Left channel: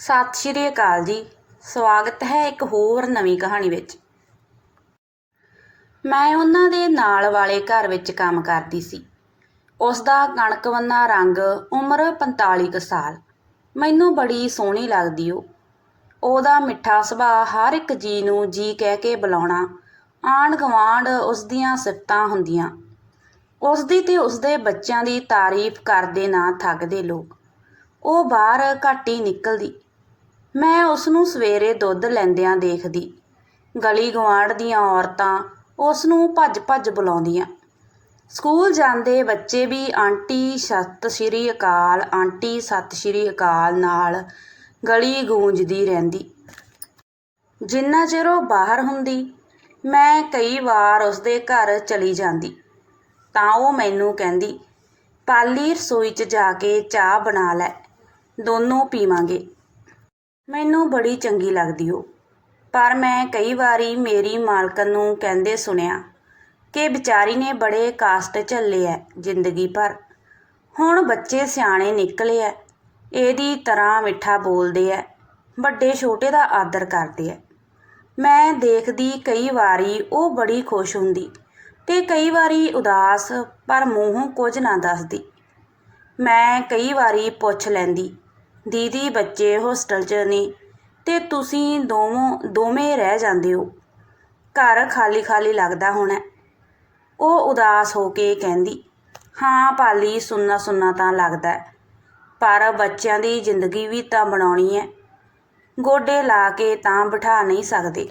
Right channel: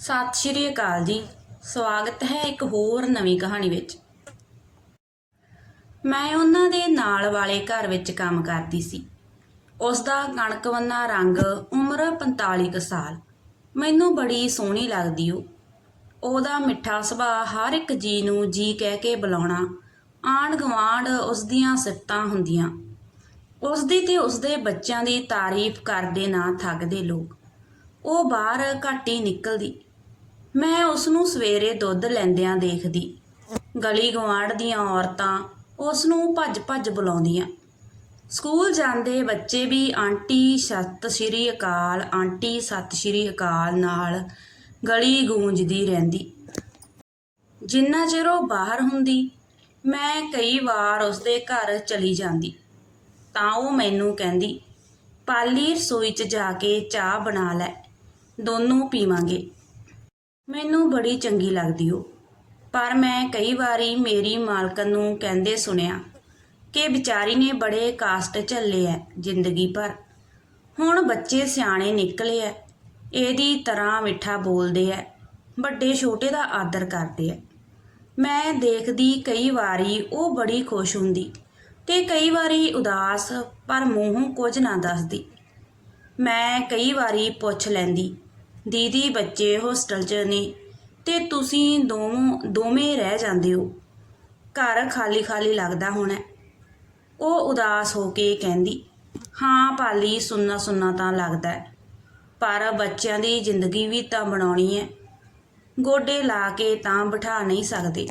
ਸਤਿ ਸ਼੍ਰੀ ਅਕਾਲ ਜੀ। ਸਵਾਗਤ ਹੈ ਇੱਕ ਹੋਰ ਨਵੀਂ ਕਹਾਣੀ ਵਿੱਚ। ਮੈਂ ਉਹਨਾਂ ਦੇ ਨਾਲ ਵਾਲੇ ਘਰ ਵਿੱਚ ਕੰਮ ਕਰਦੀ ਸੀ। ਉਸ ਦਾ ਕਣਕਵੰਨਾ ਰੰਗ ਉਮਰ 45 ਕੁ ਸਾਲ। ਮੈਨੂੰ ਬੜੀ ਸੋਹਣੀ ਲੱਗਦੀ ਉਹ। ਉਹਦਾ ਮਿੱਠਾ ਸੁਭਾਅ ਹਰ ਇੱਕ ਜੀ ਨੂੰ ਜੀ ਕਹਿ ਕੇ ਬੁਲਾਉਣਾ, ਆਂਢ ਗੁਆਂਢ ਉਸ ਦੀਆਂ ਸਿਫਤਾਂ ਹੁੰਦੀਆਂ। ਉਸ ਦੀ ਤੇ ਉਸ ਦੇ ਬੱਚਿਆਂ ਦੀ ਤਾਰੀਫ ਕਰਦੇ ਨਾ ਥੱਕਦੇ ਲੋਕ। ਉਹ ਬਾਹਰ ਘੱਟ ਹੀ ਨਿਕਲਦੀ। ਮੈਂ ਉਸ ਨੂੰ ਸਵੇਰੇ ਦੁੱਧ ਲੈਂਦਿਆਂ ਦੇਖਦੀ। ਗਲੀ ਗੁਆਂਢ ਦੀਆਂ ਔਰਤਾਂ ਉਸ ਨੂੰ ਭੱਜ-ਭੱਜ ਬੁਲਾਉਂਦੀਆਂ। ਸਕੂਲ ਜਾਂਦੇ ਬੱਚੇ ਵੀ ਆਂਟੀ ਸਤਿ ਸ਼੍ਰੀ ਅਕਾਲ, ਆਂਟੀ ਸਤਿ ਸ਼੍ਰੀ ਅਕਾਲ ਨਾਲ ਗਲੀ ਗੂੰਜਦੀ ਰਹਿੰਦੀ। ਜਿੰਨਾ ਚਿਰ ਉਹ ਬਾਹਰ ਹੁੰਦੀ, ਮੈਂ ਕਈ ਵਾਰ ਉਸਦੇ ਘਰ ਚਲੀ ਜਾਂਦੀ। ਤਾਂ ਉਹ ਮੈਨੂੰ ਕਹਿੰਦੀ, ਪਾਲੀ ਰਸੋਈ 'ਚ ਜਾ ਕੇ ਚਾਹ ਬਣਾ ਲੈ, ਦੋਨੋਂ ਪੀਵਾਂਗੇ। ਮੈਨੂੰ ਬੜੀ ਚੰਗੀ ਲੱਗਦੀ ਉਹ ਪਰ ਮੈਂ ਕਈ ਵਾਰੀ ਮੇਰੀ ਮਾਲਕਨ ਨੂੰ ਕਹਿੰਦੇ ਸੁਣਿਆ ਕਿ ਵਿਚਾਰੀ ਨੇ ਬੜੇ ਕਾਸਟ ਝੱਲੇ ਐ ਜ਼ਿੰਦਗੀ ਭਰ। ਹੁਣ ਬੱਚੇ ਸਿਆਣੇ ਨਿਕਲੇ ਐ, ਇਹਦੀ ਤਰ੍ਹਾਂ ਮਿੱਠਾ ਬੋਲਦੇ ਐ, ਵੱਡੇ ਛੋਟੇ ਦਾ ਆਦਰ ਕਰਦੇ ਐ। ਮੈਂ ਦੇਖਦੀ ਕਈ ਵਾਰੀ ਉਹ ਬੜੀ ਖੁਸ਼ ਹੁੰਦੀ ਤੇ ਕਈ ਵਾਰੀ ਉਦਾਸ ਪਰ ਮੂੰਹੋਂ ਕੁਝ ਨਾ ਦੱਸਦੀ। ਮੈਂ ਕਈ ਵਾਰੀ ਪੁੱਛ ਲੈਂਦੀ ਦੀਦੀ, ਬੱਚੇ, ਹੋਸਟਲ 'ਚ ਨੇ ਤੇ ਤੁਸੀਂ ਦੋਵੇਂ ਦੋਵੇਂ ਰਹਿ ਜਾਂਦੇ ਹੋ। ਘਰ ਖਾਲੀ ਖਾਲੀ ਲੱਗਦਾ ਹੋਣਾ। ਉਹ ਉਦਾਸ ਹੋ ਕੇ ਕਹਿੰਦੀ, ਹਾਂ ਪਾਲੀ, ਸੁੰਨਾ ਸੁੰਨਾ ਤਾਂ ਲੱਗਦਾ ਪਰ ਬੱਚਿਆਂ ਦੀ ਜ਼ਿੰਦਗੀ ਵੀ ਤਾਂ ਬਣਾਉਣੀ ਹੈ। ਗੋਡੇ ਲਾ ਕੇ ਤਾਂ ਬਿਠਾ ਨਹੀਂ ਸਕਦੇ।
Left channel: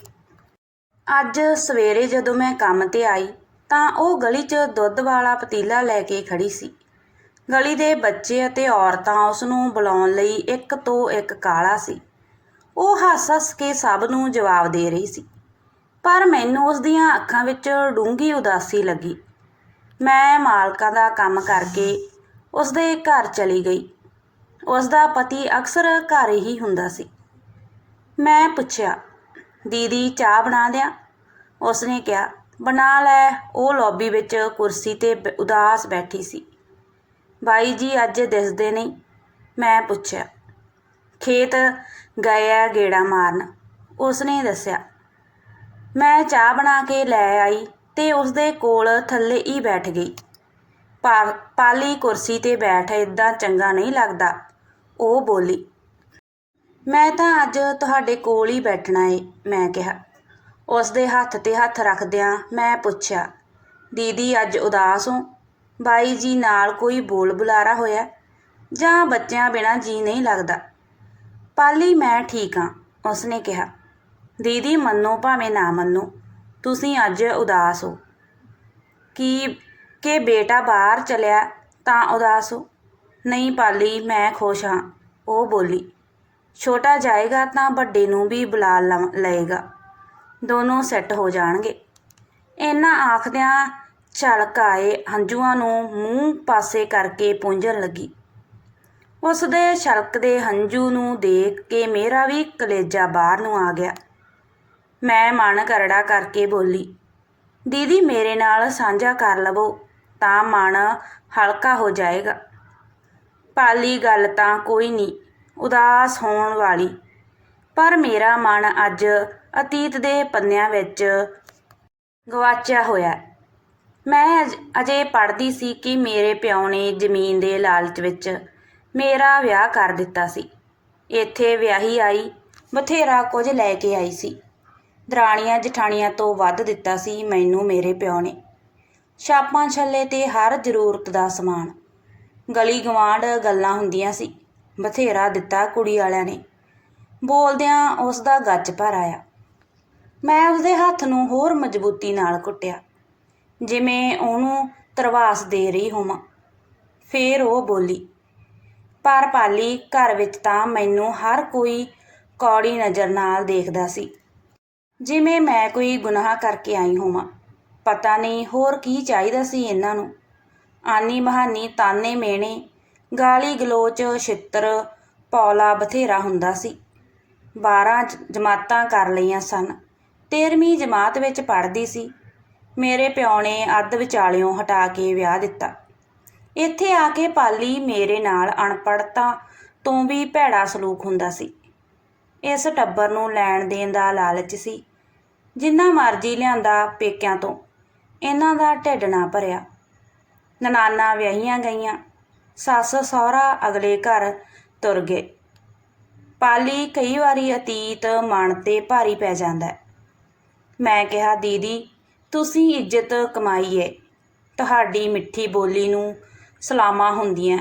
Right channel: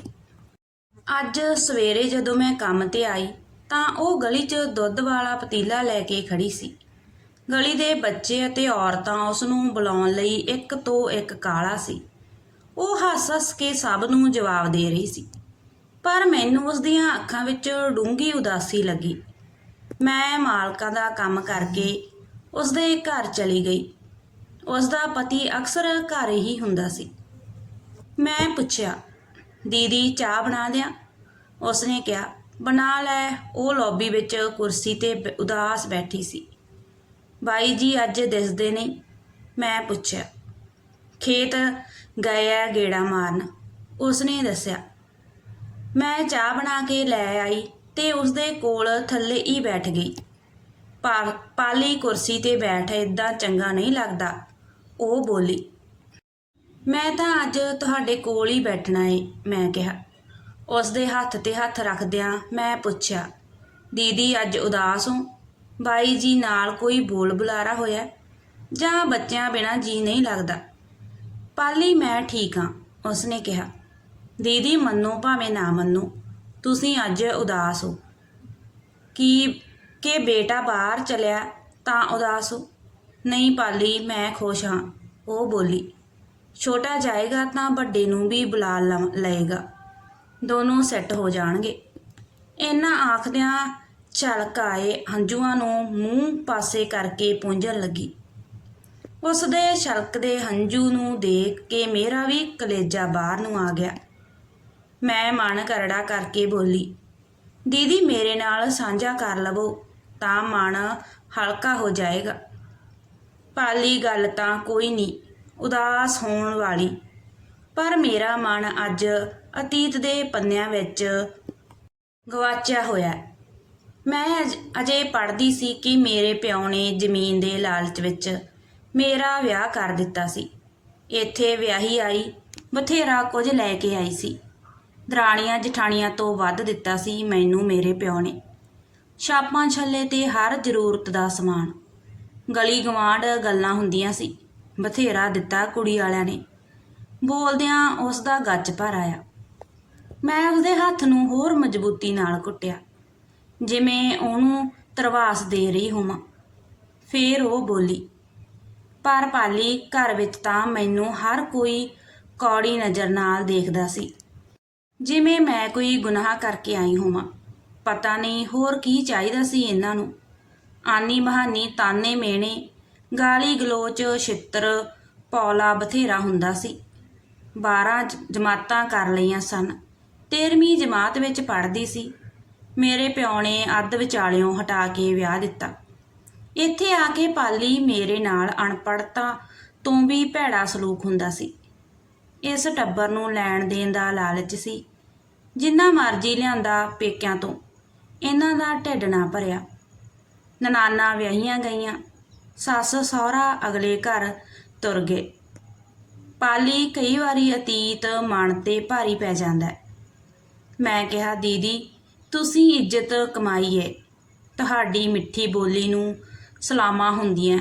ਅੱਜ ਸਵੇਰੇ ਜਦੋਂ ਮੈਂ ਕੰਮ ਤੇ ਆਈ, ਤਾਂ ਉਹ ਗਲੀ 'ਚ ਦੁੱਧ ਵਾਲਾ ਪਤੀਲਾ ਲੈ ਕੇ ਖੜੀ ਸੀ। ਗਲੀ ਦੇ ਬੱਚੇ ਅਤੇ ਔਰਤਾਂ ਉਸ ਨੂੰ ਬੁਲਾਉਣ ਲਈ ਇੱਕ ਤੋਂ ਇੱਕ ਕਾਲਾ ਸੀ। ਉਹ ਹੱਸ-ਹੱਸ ਕੇ ਸਭ ਨੂੰ ਜਵਾਬ ਦੇ ਰਹੀ ਸੀ। ਪਰ ਮੈਨੂੰ ਉਸ ਦੀਆਂ ਅੱਖਾਂ ਵਿੱਚ ਡੂੰਘੀ ਉਦਾਸੀ ਲੱਗੀ। ਮੈਂ ਮਾਲਕਾਂ ਦਾ ਕੰਮ ਕਰਕੇ ਉਸ ਦੇ ਘਰ ਚਲੀ ਗਈ। ਉਸ ਦਾ ਪਤੀ ਅਕਸਰ ਘਰ ਹੀ ਹੁੰਦਾ ਸੀ। ਮੈਂ ਪੁੱਛਿਆ, ਦੀਦੀ, ਚਾਹ ਬਣਾ ਦਿਆਂ? ਉਸਨੇ ਕਿਹਾ, ਬਣਾ ਲੈ। ਉਹ ਲੌਬੀ ਵਿੱਚ ਕੁਰਸੀ ਤੇ ਬ- ਉਦਾਸ ਬੈਠੀ ਸੀ। ਬਾਈ ਜੀ ਅੱਜ ਦਿਸਦੇ ਨਹੀਂ ਮੈਂ ਪੁੱਛਿਆ, ਖੇਤ ਗਏ ਆ ਗੇੜਾ ਮਾਰਨ? ਉਸਨੇ ਦੱਸਿਆ, ਮੈਂ ਚਾਹ ਬਣਾ ਕੇ ਲੈ ਆਈ ਤੇ ਉਸਦੇ ਕੋਲ ਥੱਲੇ ਹੀ ਬੈਠ ਗਈ। ਪਾ- ਪਾਲੀ ਕੁਰਸੀ ਤੇ ਬੈਠ ਇਦਾਂ ਚੰਗਾ ਨਹੀਂ ਲੱਗਦਾ। ਉਹ ਬੋਲੀ, ਮੈਂ ਤਾਂ ਅੱਜ ਤੁਹਾਡੇ ਕੋਲ ਹੀ ਬੈਠਣਾ ਏ। ਮੈਂ ਕਿਹਾ, ਉਸਦੇ ਹੱਥ ਤੇ ਹੱਥ ਰੱਖਦਿਆਂ ਮੈਂ ਪੁੱਛਿਆ, ਦੀਦੀ ਅੱਜ ਉਦਾਸ ਹੋ? ਬਾਈ ਜੀ ਨਾਲ ਕੋਈ ਬੋਲ ਬੁਲਾਰਾ ਹੋਇਆ ਜਾਂ ਬੱਚਿਆਂ ਬਿਨਾਂ ਜੀ ਨਹੀਂ ਲੱਗਦਾ। ਪਾਲੀ, ਮੈਂ ਠੀਕ ਹਾਂ, ਉਸਨੇ ਕਿਹਾ। ਦੀਦੀ, ਮੰਨੋ ਭਾਵੇਂ ਨਾ ਮੰਨੋ, ਤੁਸੀਂ ਅੱਜ ਉਦਾਸ ਹੋ। ਕੀ, ਕਿ ਬੇਟਾ ਬਾਹਰ ਚਲਿਆ ਤਾਂ ਉਦਾਸ ਹੋ? ਨਹੀਂ ਪਾਲੀ, ਮੈਂ ਖੁਸ਼ ਹਾਂ, ਉਹ ਬੋਲੀ। ਛੋਟਾ ਜਾਏਗਾ ਤਾਂ ਵੱਡੇ ਨੂੰ ਵੀ ਬੁਲਾ ਲਵ- ਲਏਗਾ। ਦੋਨੋਂ ਸੈੱਟ ਹੋ ਜਾਣਗੇ। ਇਹਨਾਂ ਆਖਦਿਆਂ ਛਲਕ ਆਏ ਹੰਝੂਆਂ ਨੂੰ ਮੂੰਹ ਪਾਸੇ ਕਰਕੇ ਪੂੰਝਣ ਲੱਗੀ। ਉਸ ਦੇ ਛਲਕਦੇ ਹੰਝੂ ਨੂੰ ਦੇਖ ਕੇ ਮੇਰਾ ਵੀ ਕਲੇਜਾ ਬਾਹਰ ਨੂੰ ਆ ਗਿਆ। ਮੈਂ ਮਨ ਕਰੜਾ ਕਰਕੇ ਬੋਲੀ, ਦੀਦੀ, ਮੇਰੇ ਨਾਲ ਸਾਂਝਾ ਕਰ ਲਵੋ, ਤਾਂ ਮਨ ਹਲਕਾ ਹੋ ਜਾਏਗਾ। ਪਾਲੀ ਗੱਲ ਤਾਂ ਕੋਈ ਨਹੀਂ, ਉਦਾਸ ਹੋਣ ਵਾਲੀ। ਪਰ ਮੇਰਾ ਮਨ ਅੱਜ ਅਤੀਤ ਦੇ ਪੰਨਿਆਂ ਵਿੱਚ ਗਵਾਚਿਆ ਹੋਇਆ ਮੈਂ ਅਜ- ਅਜੇ ਪੜ੍ਹਦੀ ਸੀ ਕਿ ਮੇਰੇ ਪਿਓ ਨੇ ਜ਼ਮੀਨ ਦੇ ਲਾਲਚ ਵਿੱਚ ਮੇਰਾ ਵਿਆਹ ਕਰ ਦਿੱਤਾ ਸੀ। ਇੱਥੇ ਵਿਆਹੀ ਆਈ, ਬਥੇਰਾ ਕੁਝ ਲੈ ਕੇ ਆਈ ਸੀ। ਦਰਾਣੀਆਂ ਜਠਾਣੀਆਂ ਤੋਂ ਵੱਧ ਦਿੱਤਾ ਸੀ ਮੈਨੂੰ ਮੇਰੇ ਪਿਓ ਨੇ। ਛਾਪਾਂ ਛੱਲੇ ਤੇ ਹਰ ਜ਼ਰੂਰਤ ਦਾ ਸਮਾਨ। ਗਲੀ ਗਵਾਂਢ ਗੱਲਾਂ ਹੁੰਦੀਆਂ ਸੀ, ਬਥੇਰਾ ਦਿੱਤਾ ਕੁੜੀ ਵਾਲਿਆਂ ਨੇ। ਬੋਲਦਿਆਂ ਉਸ ਦਾ ਗੱਜ ਭਰ ਆਇਆ। ਮੈਂ ਉਸਦੇ ਹੱਥ ਨੂੰ ਹੋਰ ਮਜ਼ਬੂਤੀ ਨਾਲ ਕੁੱਟਿਆ। ਜਿਵੇਂ ਉਹਨੂੰ ਤਰਵਾਸ ਦੇ ਰਹੀ ਹੋਵਾਂ। ਫੇਰ ਉਹ ਬੋਲੀ, ਪਰ ਪਾਲੀ, ਘਰ ਵਿੱਚ ਤਾਂ ਮੈਨੂੰ ਹਰ ਕੋਈ ਕੌੜੀ ਨਜ਼ਰ ਨਾਲ ਦੇਖਦਾ ਸੀ। ਜਿਵੇਂ ਮੈਂ ਕੋਈ ਗੁਨਾਹ ਕਰਕੇ ਆਈ ਹੋਵਾਂ, ਪਤਾ ਨਹੀਂ ਹੋਰ ਕੀ ਚਾਹੀਦਾ ਸੀ ਇਹਨਾਂ ਨੂੰ। ਆਨੀ ਬਹਾਨੀ ਤਾਨੇ ਮੇਣੇ, ਗਾਲੀ ਗਲੋਚ, ਛਿੱਤਰ, ਪੌਲਾ ਬਥੇਰਾ ਹੁੰਦਾ ਸੀ। 12 ਜਮਾਤਾਂ ਕਰ ਲਈਆਂ ਸਨ। 13ਵੀਂ ਜਮਾਤ ਵਿੱਚ ਪੜ੍ਹਦੀ ਸੀ। ਮੇਰੇ ਪਿਓ ਨੇ ਅੱਧ ਵਿਚਾਲਿਓਂ ਹਟਾ ਕੇ ਵਿਆਹ ਦਿੱਤਾ। ਇੱਥੇ ਆ ਕੇ ਪਾਲੀ ਮੇਰੇ ਨਾਲ ਅਨਪੜ੍ਹਤਾ ਤੋਂ ਵੀ ਭੈੜਾ ਸਲੂਕ ਹੁੰਦਾ ਸੀ। ਇਸ ਟੱਬਰ ਨੂੰ ਲੈਣ ਦੇਣ ਦਾ ਲਾਲਚ ਸੀ, ਜਿੰਨਾ ਮਰਜ਼ੀ ਲਿਆਂਦਾ ਪੇਕਿਆਂ ਤੋਂ, ਇਹਨਾਂ ਦਾ ਢਿੱਡ ਨਾ ਭਰਿਆ। ਨਨਾਨਾ ਵਿਆਹੀਆਂ ਗਈਆਂ, ਸੱਸ ਸਹੁਰਾ ਅਗਲੇ ਘਰ ਤੁਰ ਗਏ। ਪਾਲੀ ਕਈ ਵਾਰੀ ਅਤੀਤ ਮਨ ਤੇ ਭਾਰੀ ਪੈ ਜਾਂਦਾ ਮੈਂ ਕਿਹਾ, ਦੀਦੀ ਤੁਸੀਂ ਇੱਜ਼ਤ ਕਮਾਈ ਹੈ ਤੁਹਾਡੀ ਮਿੱਠੀ ਬੋਲੀ ਨੂੰ ਸਲਾਮਾਂ ਹੁੰਦੀਆਂ।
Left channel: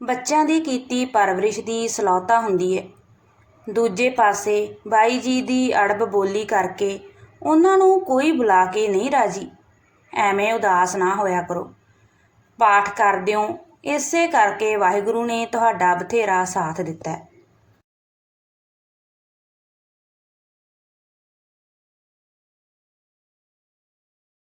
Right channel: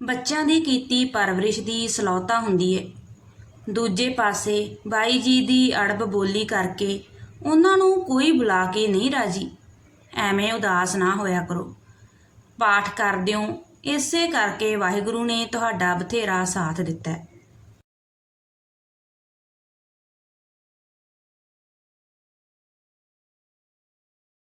ਬੱਚਿਆਂ ਦੀ ਕੀਤੀ ਪਰਵਰਿਸ਼ ਦੀ ਸਲੌਤਾ ਹੁੰਦੀ ਹੈ ਦੂਜੇ ਪਾਸੇ ਬਾਈ ਜੀ ਦੀ ਅੜਬ ਬੋਲੀ ਕਰਕੇ ਉਹਨਾਂ ਨੂੰ ਕੋਈ ਬੁਲਾ ਕੇ ਨਹੀਂ ਰਾਜੀ। ਐਵੇਂ ਉਦਾਸ ਨਾ ਹੋਇਆ ਕਰੋ। ਪਾਠ ਕਰਦਿਓ ਇਸੇ ਕਰਕੇ ਵਾਹਿਗੁਰੂ ਨੇ ਤੁਹਾਡਾ ਬਥੇਰਾ ਸਾਥ ਦਿੱਤਾ। ਹੈ